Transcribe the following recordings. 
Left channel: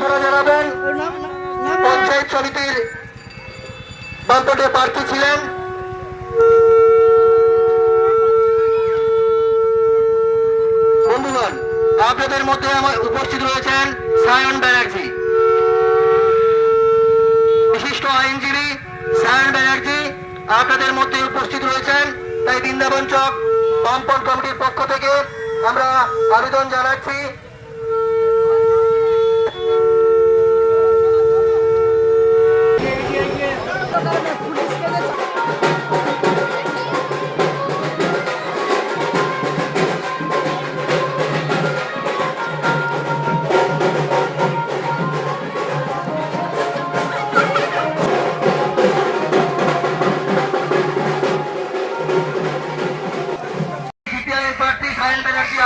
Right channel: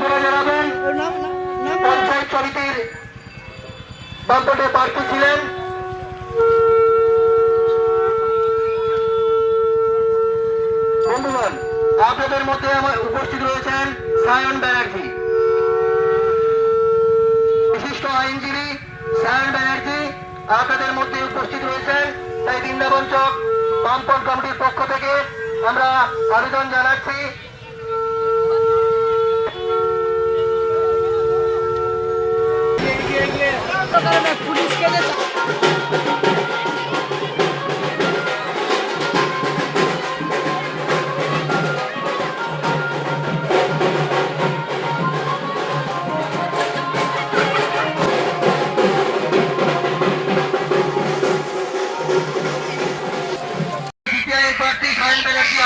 আপনারা জানাবেন পঞ্চায়েত সমিতির বামপন্থী প্রার্থী ছিলেন বন্ধুগণ। আপনাদের মধ্যে উপস্থিত রয়েছেন সায়ন ব্যানার্জি, বিশিষ্ট আইনজীবী সায়ন ব্যানার্জি আপনাদের মধ্যে উপস্থিত রয়েছেন। তাই বৃন্দাবন চক বামপন্থ কমিটির পক্ষ থেকে আমরা আবেদন জানাচ্ছি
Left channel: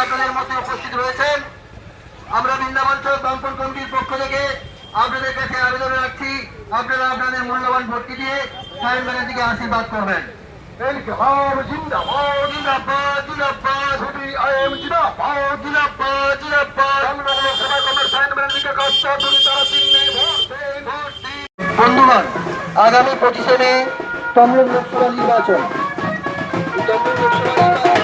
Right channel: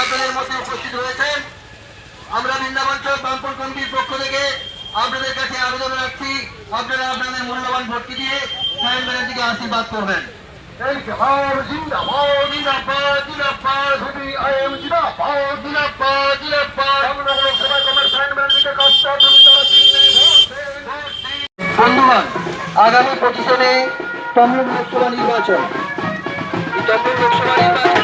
আপনাদের মধ্যে উপস্থিত রয়েছেন। আমরা বৃন্দাবন চক বামপন্থ কমিটির পক্ষ থেকে আপনাদের কাছে আবেদন রাখছি, আপনারা আপনাদের মূল্যবান ভোটটি দিয়ে সায়ন ব্যানার্জিকে আশীর্বাদ করবেন। বন্ধুগণ, আগামী 25 মে তমলুক লোকসভা নির্বাচন। তমলুক লোকসভা নির্বাচনে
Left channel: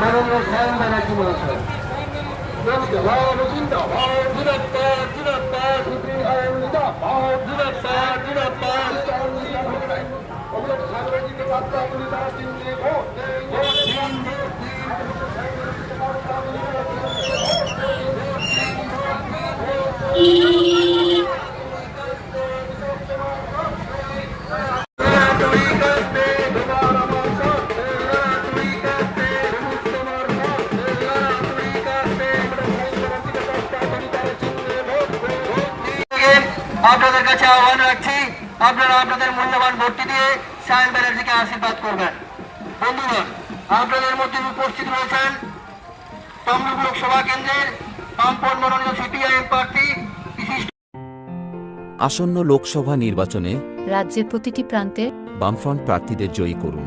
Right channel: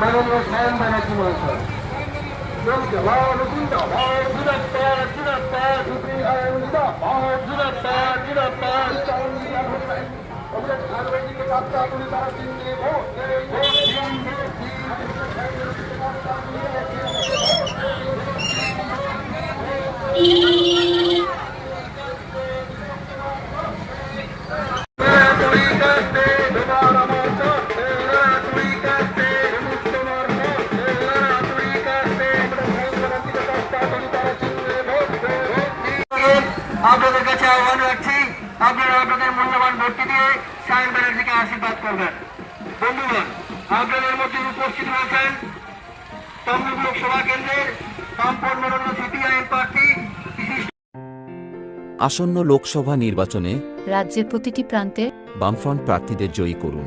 মাননীয় সায়ন ব্যানার্জি মহাশয়। আপনাদের কাছে আহ্বান রাখছি, আপনারা আপনাদের মূল্যবান ভোটটি দিয়ে সায়ন ব্যানার্জিকে আশীর্বাদ করবেন। বন্ধুগণ, আপনাদের মধ্যে উপস্থিত রয়েছেন তমলুক লোকসভা কেন্দ্রের বামপন্থ মনোনীত সিপিআইএম প্রার্থী বিশিষ্ট। আসন্ন লোকসভা নির্বাচনে রাজ্যের প্রতিটি প্রান্তে বামফ্রন্ট প্রার্থীদের জয়ী করুন।